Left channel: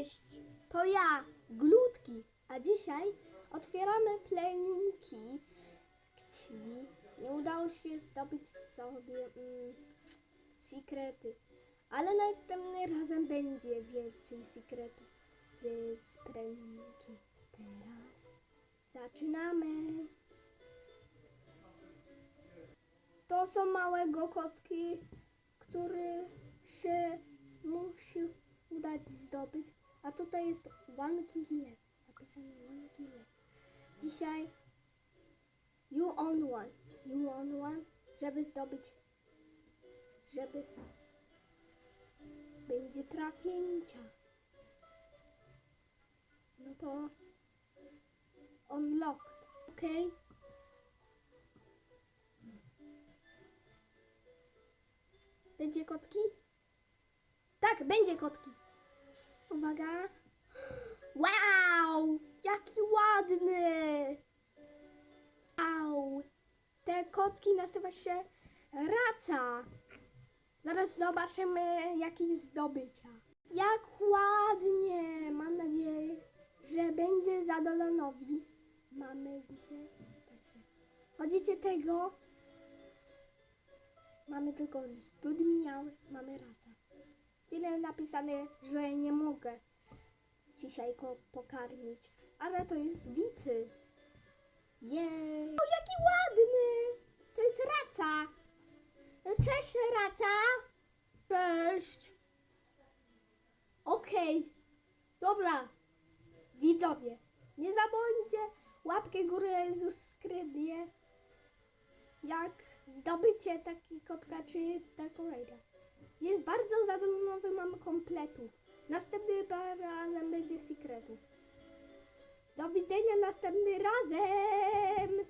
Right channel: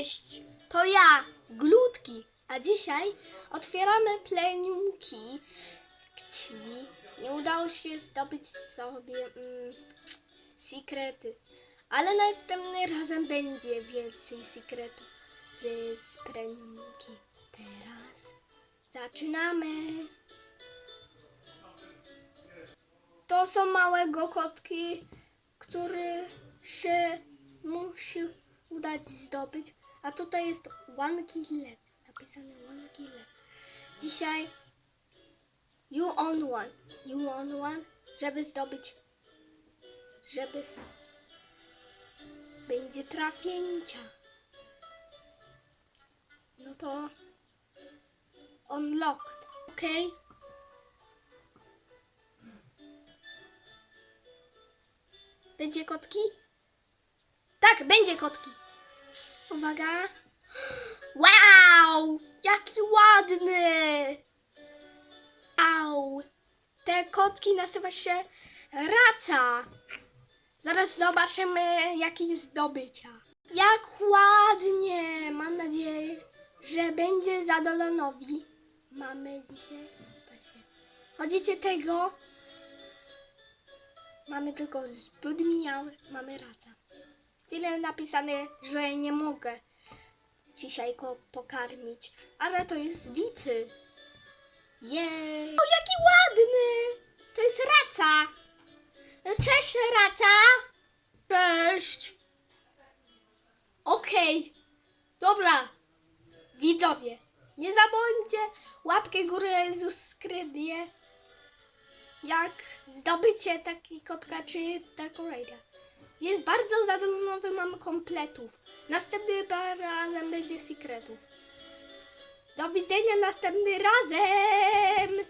Cześć! To ja, Glutki, a dzisiaj otwieramy pleniumki, czyli nie udało się zdobyć sobie mm, sekrety, ale następnym razem będzie więcej sekretów ze pleniumki. Teraz zaczynamy! To są małe kotki, które się musi udać zdobyć. A tutaj jest one kill left. Napisane one kill left. Dzisiaj you on one. You on one, żeby zdobyć, żeby będzie trafięcia. No to unlocked, ok? Będzie kotki? Tak, będzie kotki. Uwaga. Wow! Jaki ładny! Au! Te kotki nazywa się raca. Zaraz zobaczymy, jakie zdobycia. Jak ładnie! Mam nadzieję, że będzie zadolonowi. Mamy dzisiaj. Chodzicie tego? Mamy tylko zbyt mijały. Mamy raca. Tyle napisane, że nie mogę dzisiaj go pokarmić. Ale to jest wipy. Jej! O, jaki ładny! To jest raca! Cześć, raca! Cześć! Okej. Dobra. Widzowie, nie zapomnijcie łapkę górę, subskrybię. Jak zdobycie taki kotka czy taką rajdę. Jest bardzo zadowolony, mam kompletów. Następny razem będzie sekretów. Do widzenia następnym razem!